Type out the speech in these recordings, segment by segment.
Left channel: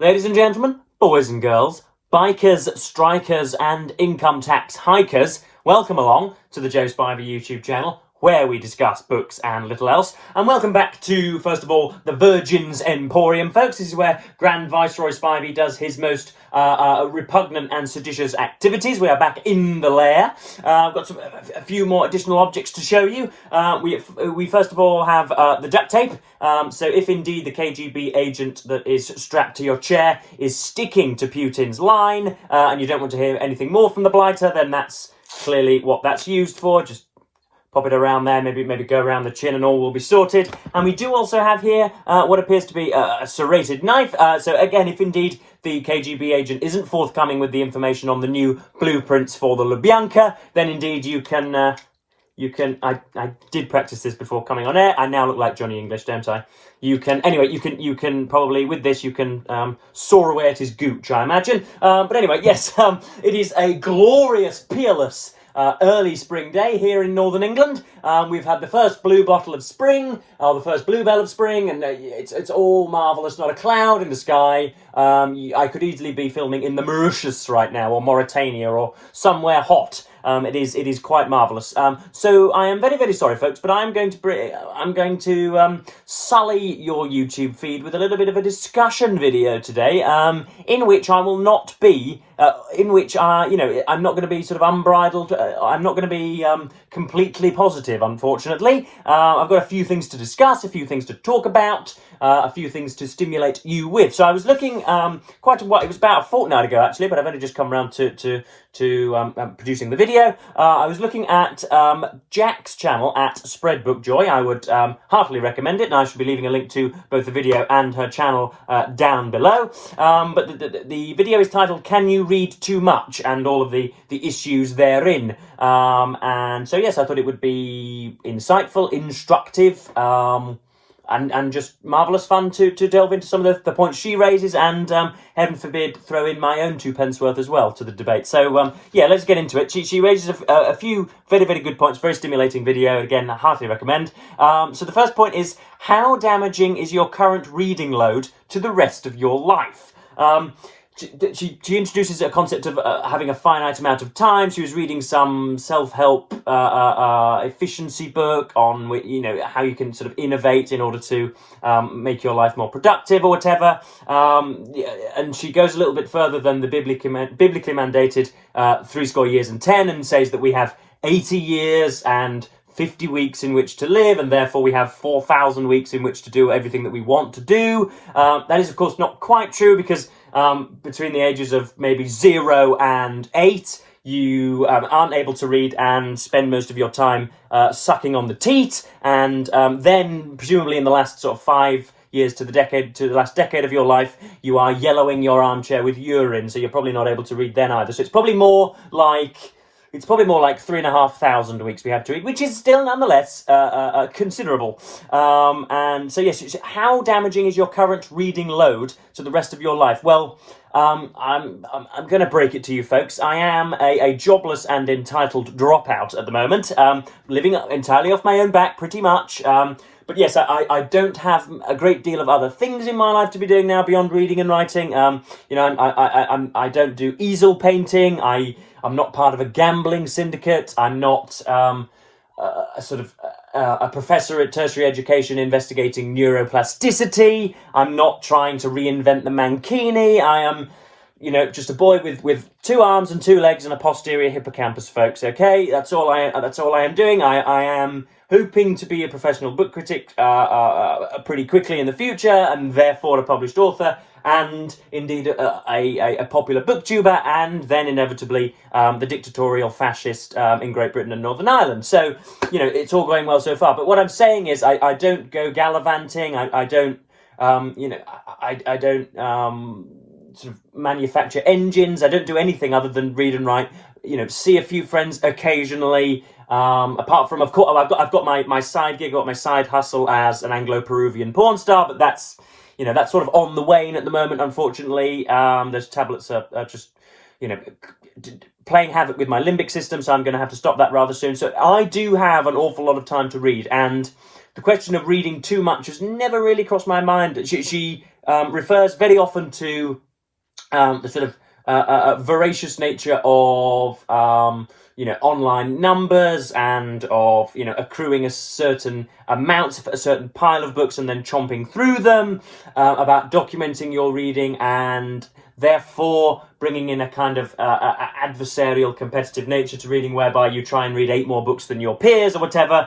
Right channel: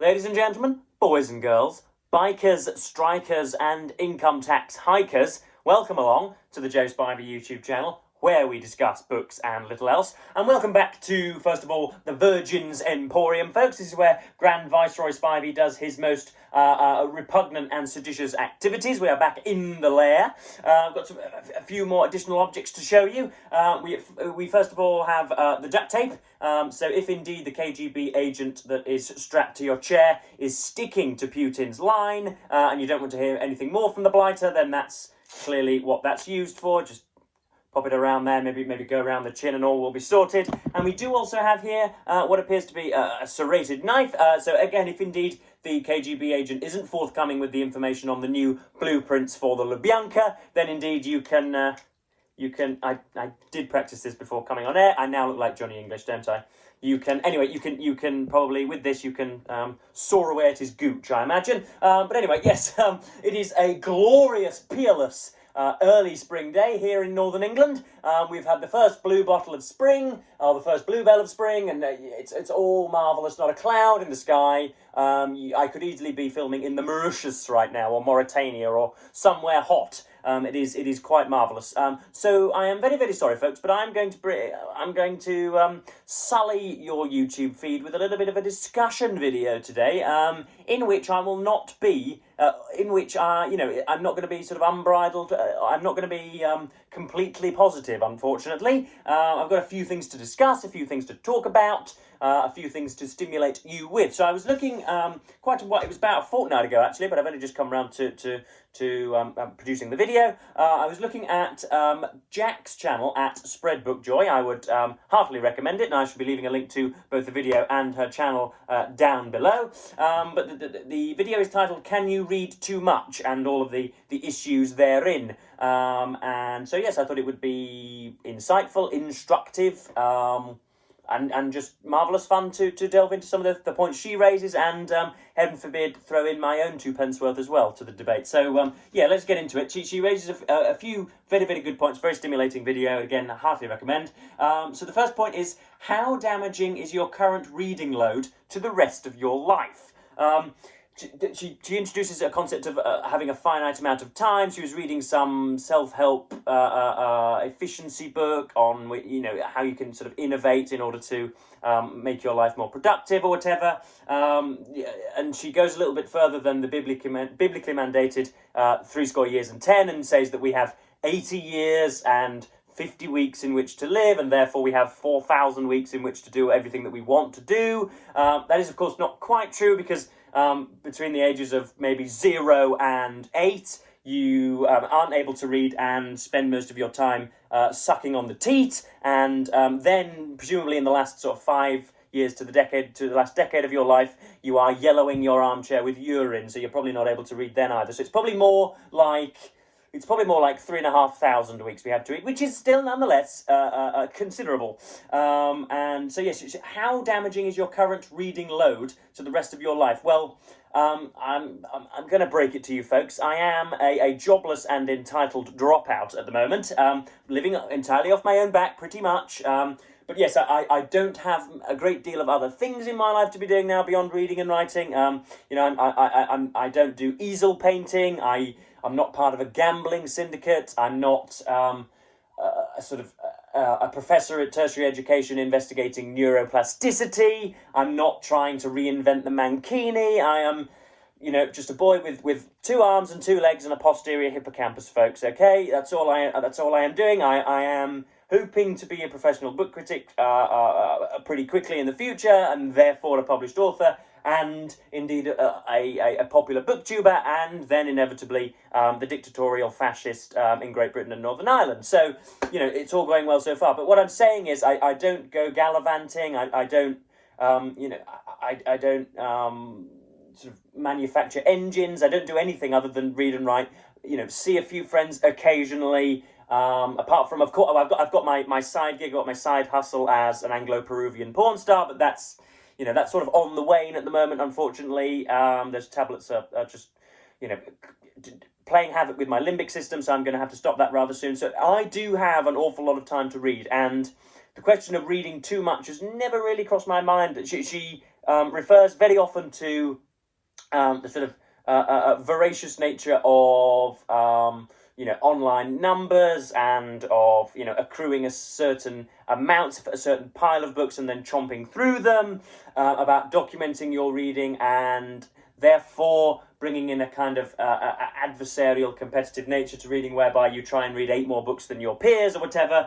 Ladies and gentlemen, boys and girls, bikers, strikers, and income tax hikers, welcome along to the Joe Spivey YouTube channel, where we discuss books and little else. And welcome back to, first of all, the Virgin's Emporium, folks. This is where Grand Viceroy Spivey does his most repugnant and seditious activities. We are back in the lair. I've got a few more additional objects to show you. We first of all have the duct tape. So if indeed the KGB agent that is strapped to your chair is sticking to Putin's line, and you don't want to hear anything more from the blighter, then that's clearly what that's used for. Just pop it around there, maybe go around the chin and all will be sorted. And we do also have here what appears to be a serrated knife. So again, if indeed the KGB agent isn't forthcoming with the information on the new blueprints for the Lubyanka, then indeed you can, I did practice this before coming on air. I now look like Johnny English, don't I? You can probably, with this, you can saw away at his gooch, I imagine. But anyway, yes, it is a glorious, peerless, early spring day here in northern England. We've had the first blue bottle of spring, the first bluebell of spring, and it's all marvellous. Not a cloud in the sky. I could easily be filming in the Mauritius right now, or Mauritania, or somewhere hot. It is quite marvellous. So I am very, very sorry, folks, but I'm going to sully your YouTube feed with a little bit of a discussion video today, in which I will not be, I'm not going to be sort of unbridled. I'm not going to be completely positive, unfortunately. I've got a few things to discuss, a few things to talk about, a few things to stimulate you with. So I was looking quite a while. It was about a fortnight ago, actually, but I've only just come around to producing the video. I was looking at Jack's channel at Spread Book Joy. I would heartily recommend it, and I should be leaving a link to both the video and her channel down below. But the video is titled "Can You Read Too Much?" and all of the issues therein. And so yes, I thought it would be insightful, instructive, and just marvellous fun to delve into some of the points she raises, and heaven forbid, throw in my own 2p worth as well to the debate. So yeah, let's get into it. She raises a few very, very good points, very stimulating video. Again, I heartily recommend. So the first point is, how damaging is your current reading load to the rest of your life? She introduces a concept of having a finite amount of time. She was reading some self-help efficiency book on, how you can sort of innovate in order to make your life more productive or whatever. And she goes a little bit further than the biblically mandated 70 years and 10, and says that we have 80 years and 50 weeks in which to live, and therefore we have 4,000 weeks in which to do everything that we want to do. That is, of course, not quite true, because between the ages of maybe 0 and 8, you aren't able to read and spend most of your time sucking on the teat, and then presumably in the last sort of 5 years to the last decade of your life, you are yellowing your armchair with urine, so you're probably not able to read then either. So it's probably more like 3,500 weeks we have to read, which is still nonetheless considerable. And so yes, how damaging is your current reading load to the rest of your life? Well, I'm going to break it to you, folks. I am a jobless and entitled dropout at the moment, living entirely off my own back, pretty much. But yes, I don't have a great deal of other things in my life to be doing now beyond reading and writing. I don't do easel painting. I'm not part of a gambling syndicate. I'm not a professor at tertiary education investigating neuroplasticity. I'm not trying to reinvent the mankini. I am, just a boy with 2 arms and 2 legs and a posterior hippocampus, folks. Okay, that's all I am doing. I am hoping to be a professional book critic pretty quickly in the future, and therefore a published author, and indeed a popular booktuber, and then inevitably the dictatorial fascist in Great Britain and Northern Ireland. So, it's all going well so far. But what I'm saying is I don't go gallivanting. I don't, I don't sort of manufacture engines. I don't do anything other than read and write, see a few friends occasionally. Apart from, of course, I've got my side gig, I've got my side hustle as an Anglo-Peruvian porn star, but that's sort of on the wane at the moment, unfortunately. Those tablets are just, playing havoc with my limbic system, so I'm going to have to stop that rather soon. So I do have an awful lot of time to read, and the question of reading too much has never really crossed my mind. She refers very often to the sort of voracious nature of online numbers and of accruing a certain amount, a certain pile of books, and then chomping through them. About documenting your reading and therefore bringing in a kind of adversarial, competitive nature to reading, whereby you try and read 8 more books than your peers or whatever.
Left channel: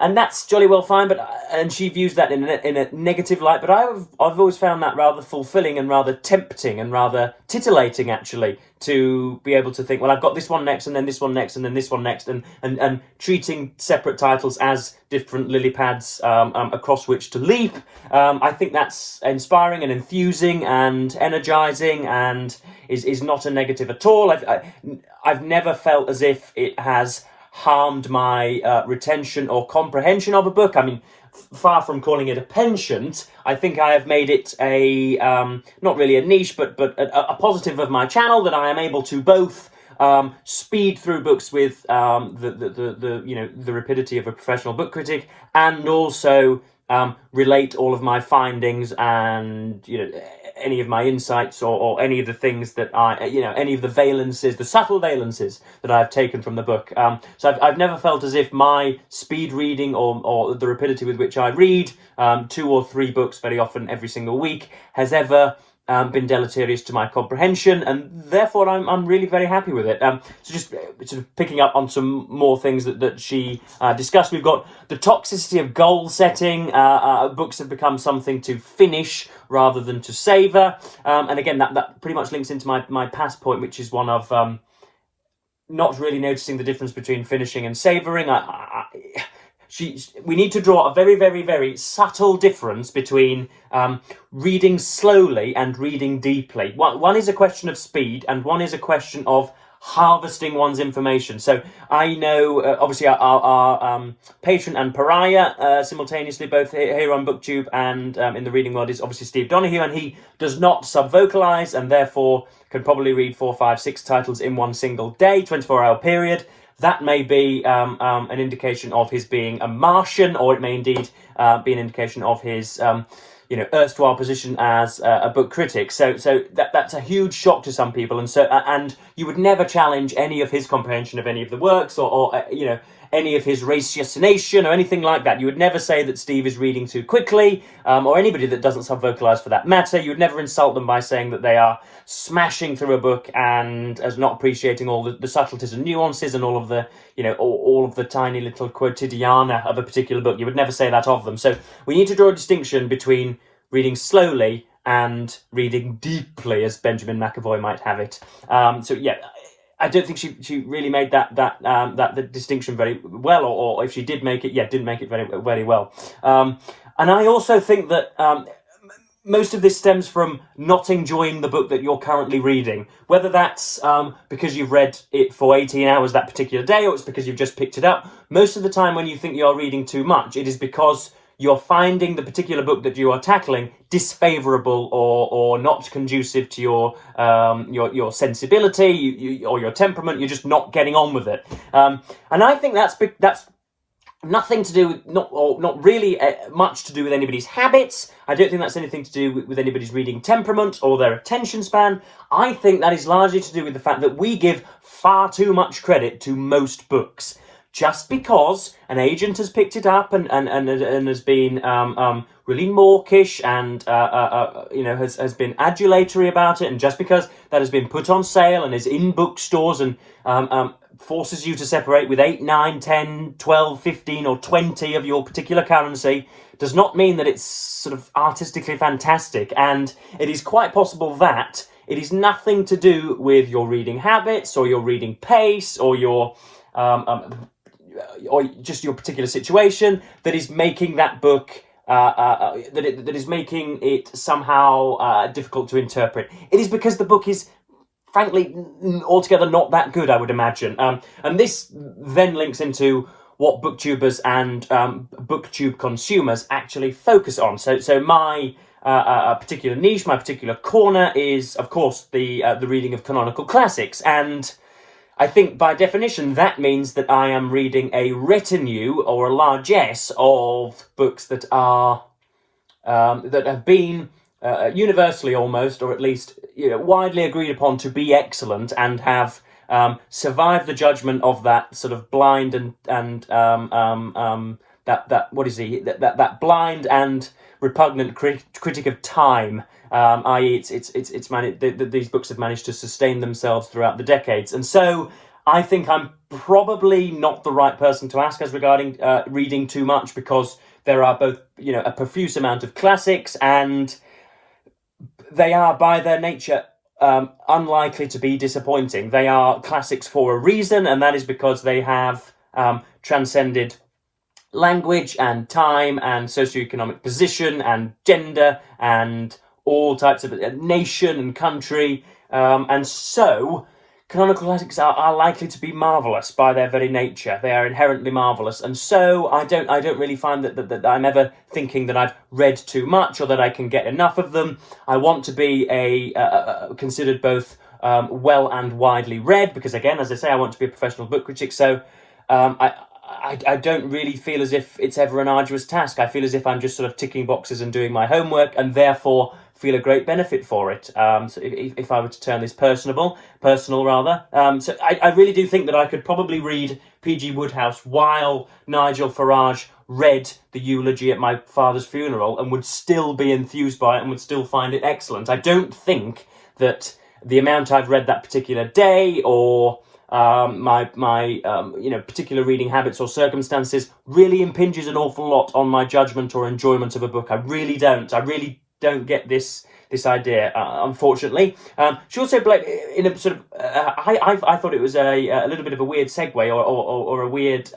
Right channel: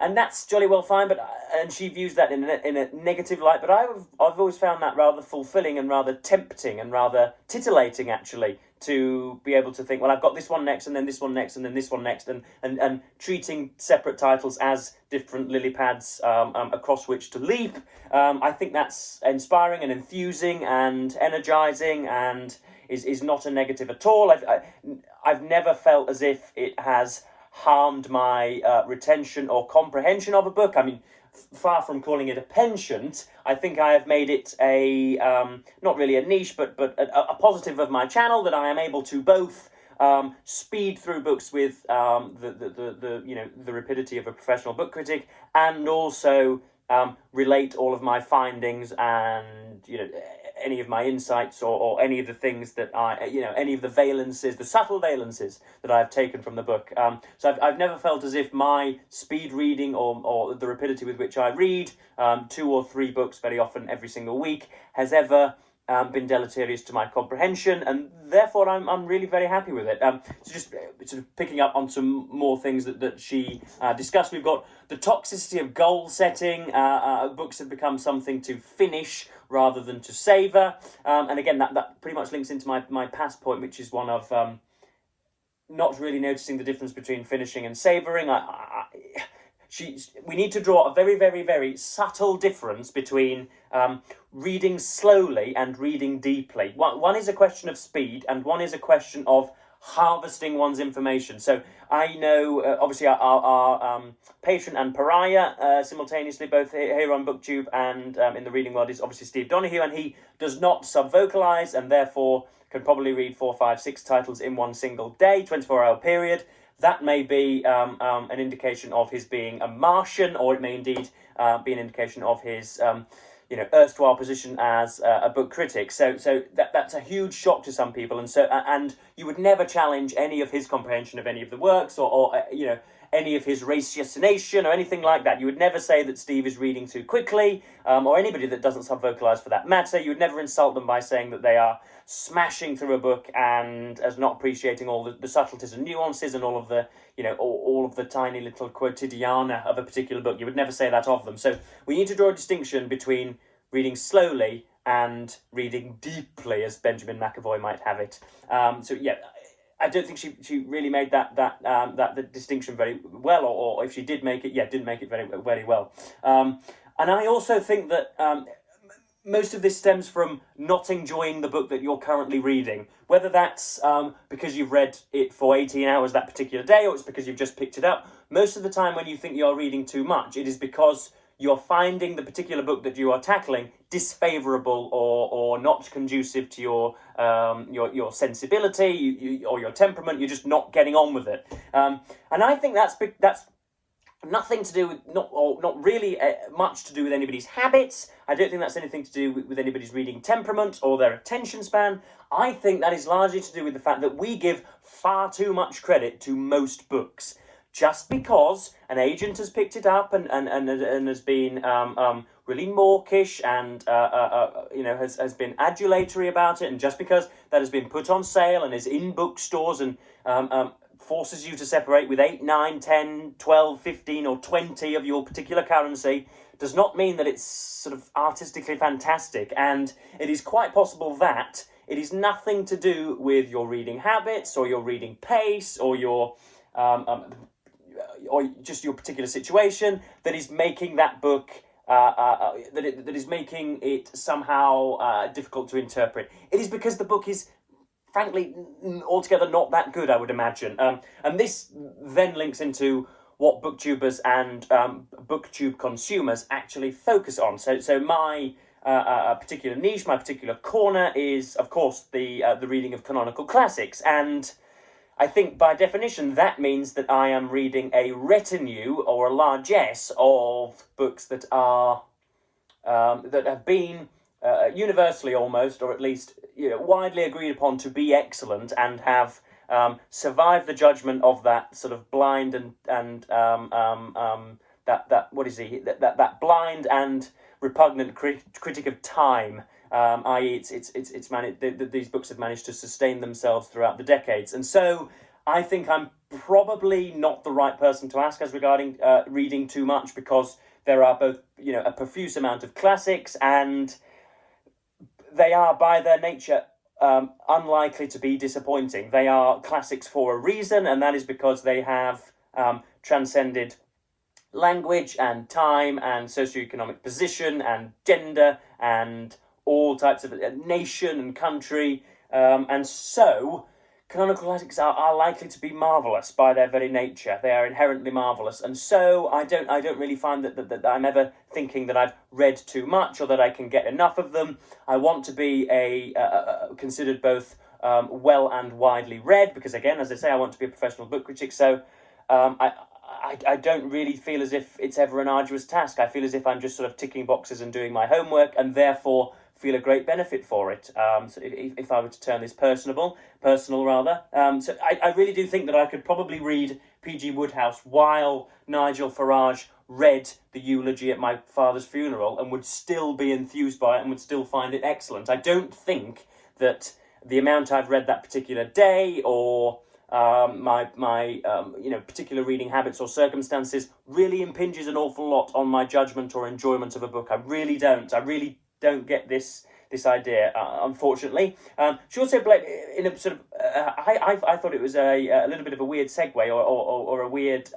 And that's jolly well fine, and she views that in a negative light. But I've always found that rather fulfilling and rather tempting and rather tittillating, actually, to be able to think, well, I've got this one next, and then this one next, and then this one next, and treating separate titles as different lily pads across which to leap. I think that's inspiring and enthusing and energizing, and is not a negative at all. I've never felt as if it has harmed my retention or comprehension of a book. I mean, far from calling it a penchant, I think I have made it a not really a niche, but a positive of my channel, that I am able to both speed through books with the rapidity of a professional book critic, and also relate all of my findings and any of my insights or any of the things that any of the valences, the subtle valences that I've taken from the book. So I've never felt as if my speed reading or the rapidity with which I read 2 or 3 books very often every single week has ever been deleterious to my comprehension, and therefore I'm really very happy with it. So just sort of picking up on some more things that she discussed. We've got the toxicity of goal setting. Books have become something to finish rather than to savour. And again, that pretty much links into my past point, which is one of not really noticing the difference between finishing and savouring. We need to draw a very, very, very subtle difference between reading slowly and reading deeply. One is a question of speed, and one is a question of harvesting one's information. So I know, obviously, our patron and pariah simultaneously, both here on BookTube and in the reading world, is obviously Steve Donoghue, and he does not sub-vocalise, and therefore can probably read 4, 5, 6 titles in one single day, 24-hour period. That may be an indication of his being a Martian, or it may indeed be an indication of his erstwhile position as a book critic. So that's a huge shock to some people, and you would never challenge any of his comprehension of any of the works, or any of his ratiocination or anything like that. You would never say that Steve is reading too quickly, or anybody that doesn't sub-vocalise for that matter. You would never insult them by saying that they are smashing through a book and as not appreciating all the subtleties and nuances and all of the all of the tiny little quotidiana of a particular book. You would never say that of them. So we need to draw a distinction between reading slowly and reading deeply, as Benjamin McAvoy might have it. So yeah, I don't think she really made that distinction very well, or if she did make it, didn't make it very, very well. And I also think that most of this stems from not enjoying the book that you're currently reading, whether that's because you've read it for 18 hours that particular day, or it's because you've just picked it up. Most of the time when you think you're reading too much, it is because you're finding the particular book that you are tackling disfavourable or not conducive to your sensibility or your temperament. You're just not getting on with it. And I think that's nothing to do with, not really much to do with anybody's habits. I don't think that's anything to do with anybody's reading temperament or their attention span. I think that is largely to do with the fact that we give far too much credit to most books. Just because an agent has picked it up and has been really mawkish and has been adulatory about it, and just because that has been put on sale and is in bookstores and forces you to separate with 8, 9, 10, 12, 15 or 20 of your particular currency, does not mean that it's sort of artistically fantastic. And it is quite possible that it is nothing to do with your reading habits or your reading pace or your or just your particular situation that is making that book that is making it somehow difficult to interpret. It is because the book is frankly altogether not that good, I would imagine. And this then links into what booktubers and booktube consumers actually focus on. So my particular niche, my particular corner is, of course, the reading of canonical classics. And I think by definition that means that I am reading a retinue or a largesse of books that are that have been universally almost, or at least widely agreed upon to be excellent, and have survived the judgment of that sort of blind and that what is he that blind and repugnant critic of time. I.e., these books have managed to sustain themselves throughout the decades, and so I think I'm probably not the right person to ask as regarding reading too much, because there are both a profuse amount of classics, and they are by their nature unlikely to be disappointing. They are classics for a reason, and that is because they have transcended language and time and socioeconomic position and gender and all types of nation and country, and so canonical classics are likely to be marvellous by their very nature. They are inherently marvellous, and so I don't really find that I'm ever thinking that I've read too much or that I can get enough of them. I want to be considered both well and widely read, because again, as I say, I want to be a professional book critic. So I don't really feel as if it's ever an arduous task. I feel as if I'm just sort of ticking boxes and doing my homework, and therefore feel a great benefit for it. So if I were to turn this personal rather. So I really do think that I could probably read P.G. Wodehouse while Nigel Farage read the eulogy at my father's funeral, and would still be enthused by it and would still find it excellent. I don't think that the amount I've read that particular day, or my particular reading habits or circumstances, really impinges an awful lot on my judgment or enjoyment of a book. I really don't get this idea, unfortunately. She also in a sort of I thought it was a little bit of a weird segue or a weird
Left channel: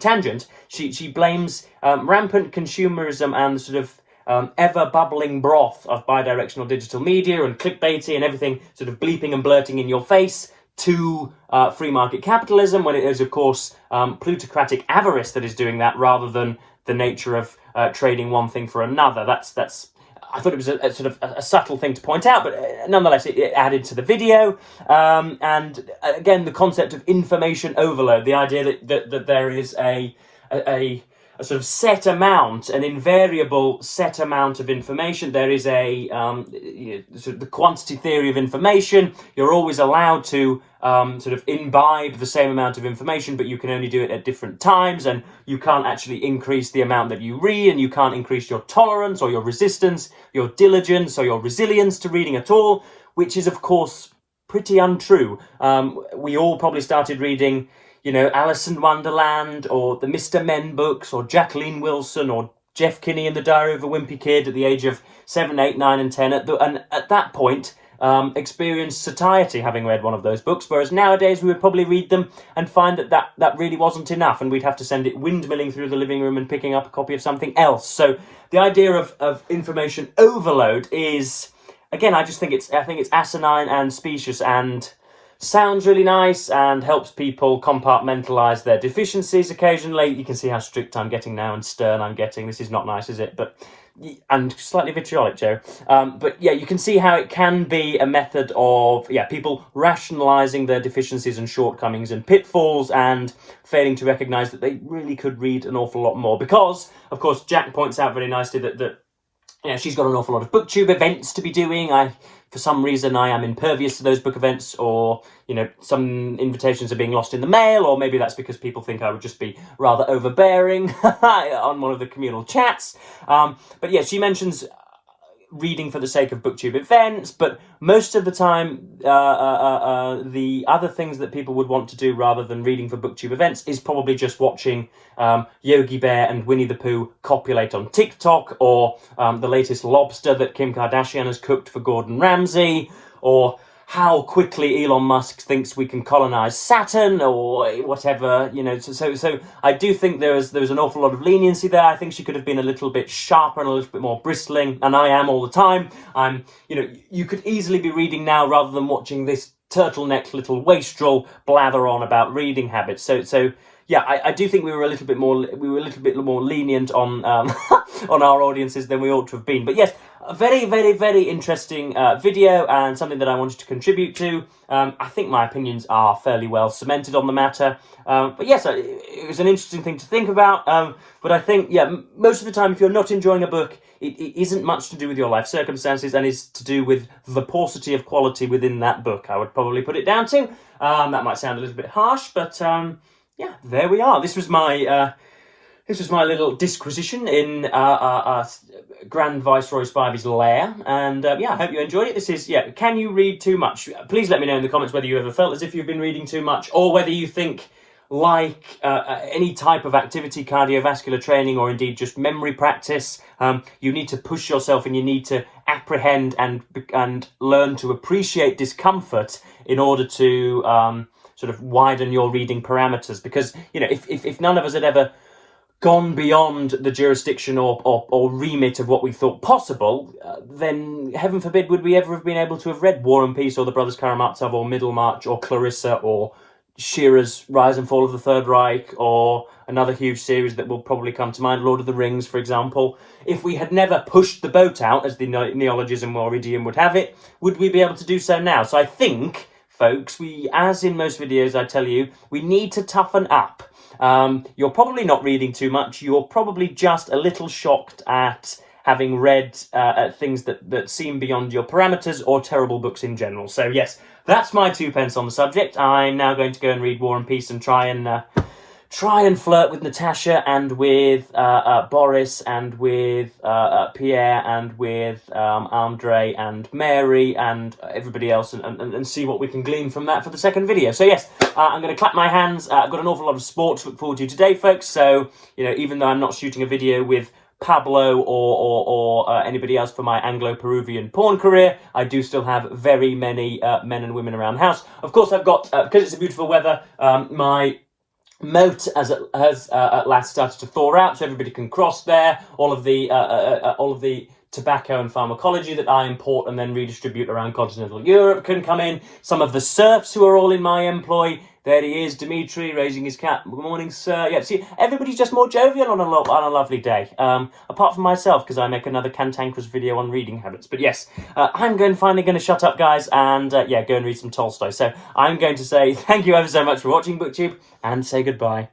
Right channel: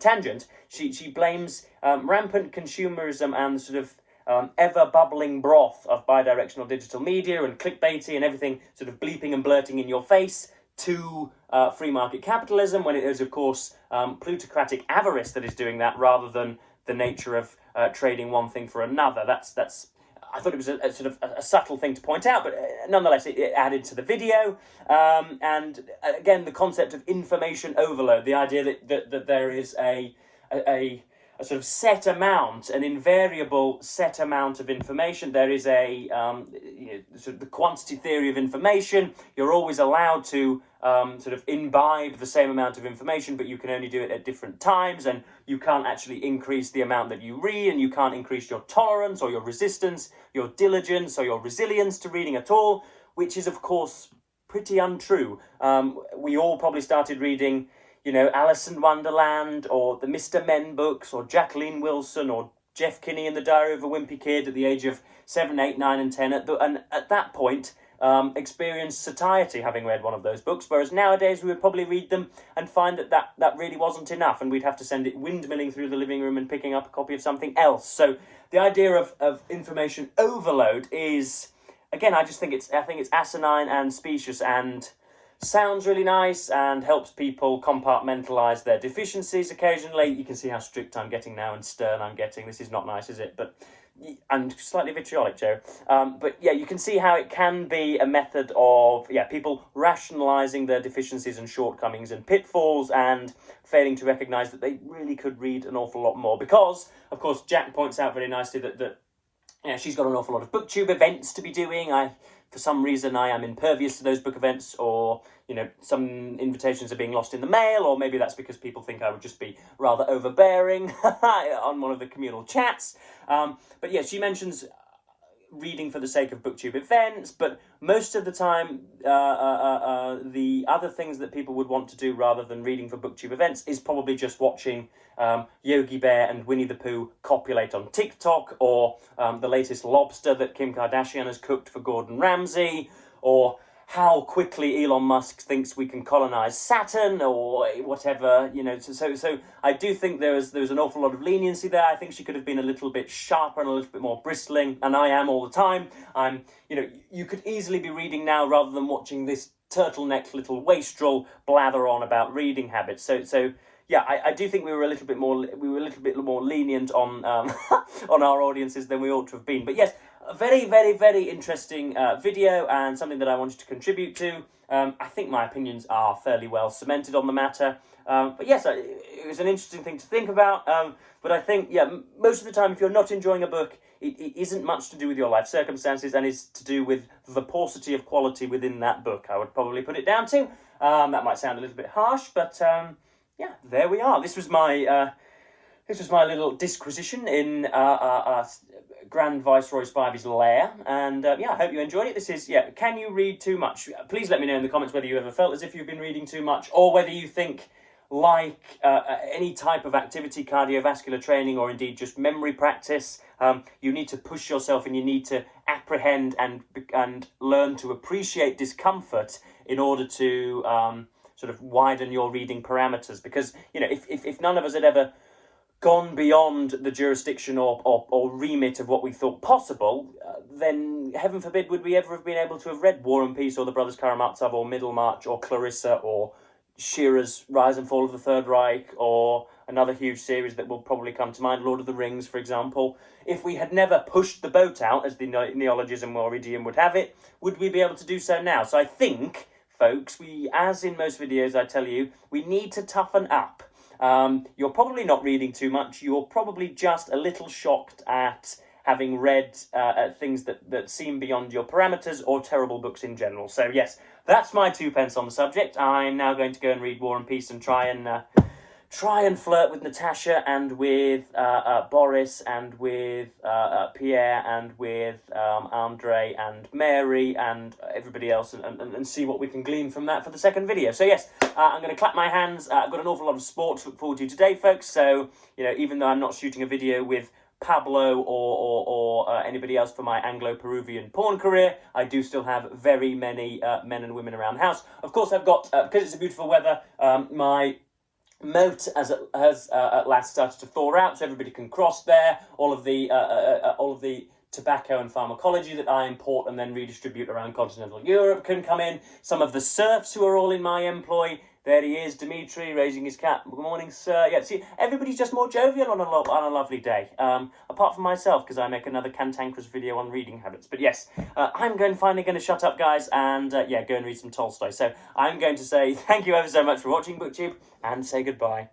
tangent. She blames rampant consumerism and the sort of ever bubbling broth of bidirectional digital media and clickbaity and everything sort of bleeping and blurting in your face to free market capitalism, when it is of course plutocratic avarice that is doing that, rather than the nature of trading one thing for another. That's I thought it was a sort of a subtle thing to point out, but nonetheless it added to the video. And again, the concept of information overload, the idea that there is a sort of set amount, an invariable set amount of information. There is a sort of the quantity theory of information. You're always allowed to sort of imbibe the same amount of information, but you can only do it at different times, and you can't actually increase the amount that you read, and you can't increase your tolerance or your resistance, your diligence or your resilience to reading at all, which is of course pretty untrue. We all probably started reading Alice in Wonderland, or the Mr. Men books, or Jacqueline Wilson, or Jeff Kinney and the Diary of a Wimpy Kid at the age of 7, 8, 9 and 10, and at that point experienced satiety having read one of those books, whereas nowadays we would probably read them and find that really wasn't enough, and we'd have to send it windmilling through the living room and picking up a copy of something else. So the idea of information overload is, again, I think it's asinine and specious, and sounds really nice and helps people compartmentalize their deficiencies occasionally. You can see how strict I'm getting now and stern I'm getting. This is not nice, is it? And slightly vitriolic, Joe. But yeah, you can see how it can be a method of people rationalizing their deficiencies and shortcomings and pitfalls, and failing to recognize that they really could read an awful lot more. Because, of course, Jack points out very nicely that she's got an awful lot of booktube events to be doing. For some reason, I am impervious to those book events, or some invitations are being lost in the mail, or maybe that's because people think I would just be rather overbearing on one of the communal chats. But yeah, she mentions reading for the sake of booktube events, but most of the time the other things that people would want to do rather than reading for booktube events is probably just watching Yogi Bear and Winnie the Pooh copulate on TikTok, or the latest lobster that Kim Kardashian has cooked for Gordon Ramsay, or how quickly Elon Musk thinks we can colonize Saturn, or whatever, So I do think there was an awful lot of leniency there. I think she could have been a little bit sharper and a little bit more bristling, and I am all the time. You could easily be reading now rather than watching this turtleneck little wastrel blather on about reading habits. So yeah, I do think we were a little bit more lenient on on our audiences than we ought to have been. But yes, a very, very, very interesting video, and something that I wanted to contribute to. I think my opinions are fairly well cemented on the matter. But yes, it was an interesting thing to think about. But I think, yeah, most of the time, if you're not enjoying a book, it isn't much to do with your life circumstances, and is to do with the paucity of quality within that book. I would probably put it down to. That might sound a little bit harsh, but yeah, there we are. This was my little disquisition in Grand Viceroy Spivey's lair, and yeah, I hope you enjoyed it. This is, yeah, can you read too much? Please let me know in the comments whether you ever felt as if you've been reading too much, or whether you think, like any type of activity, cardiovascular training, or indeed just memory practice, you need to push yourself, and you need to apprehend and learn to appreciate discomfort in order to sort of widen your reading parameters. Because, you know, if none of us had ever gone beyond the jurisdiction or remit of what we thought possible, then heaven forbid would we ever have been able to have read War and Peace, or The Brothers Karamazov, or Middlemarch, or Clarissa, or Shearer's Rise and Fall of the Third Reich, or another huge series that will probably come to mind, Lord of the Rings, for example. If we had never pushed the boat out, as the neologism or idiom would have it, would we be able to do so now? So I think, folks, as in most videos I tell you, we need to toughen up. You're probably not reading too much. You're probably just a little shocked at having read things that seem beyond your parameters, or terrible books in general. So yes, that's my 2 pence on the subject. I'm now going to go and read War and Peace and try and flirt with Natasha, and with Boris, and with Pierre, and with Andre, and Mary, and everybody else, and see what we can glean from that for the second video. So yes, I'm going to clap my hands. I've got an awful lot of sport to look forward to today, folks. So, you know, even though I'm not shooting a video with Pablo or anybody else for my Anglo-Peruvian porn career, I do still have very many men and women around the house. Of course, I've got, because it's a beautiful weather, my moat has at last started to thaw out, so everybody can cross there. All of the tobacco and pharmacology that I import and then redistribute around continental Europe can come in. Some of the serfs who are all in my employ. There he is, Dimitri, raising his cap. Good morning, sir. Yeah, see, everybody's just more jovial on a lovely day. Apart from myself, because I make another cantankerous video on reading habits. But yes, I'm finally going to shut up, guys, and yeah, go and read some Tolstoy. So I'm going to say thank you ever so much for watching BookTube, and say goodbye.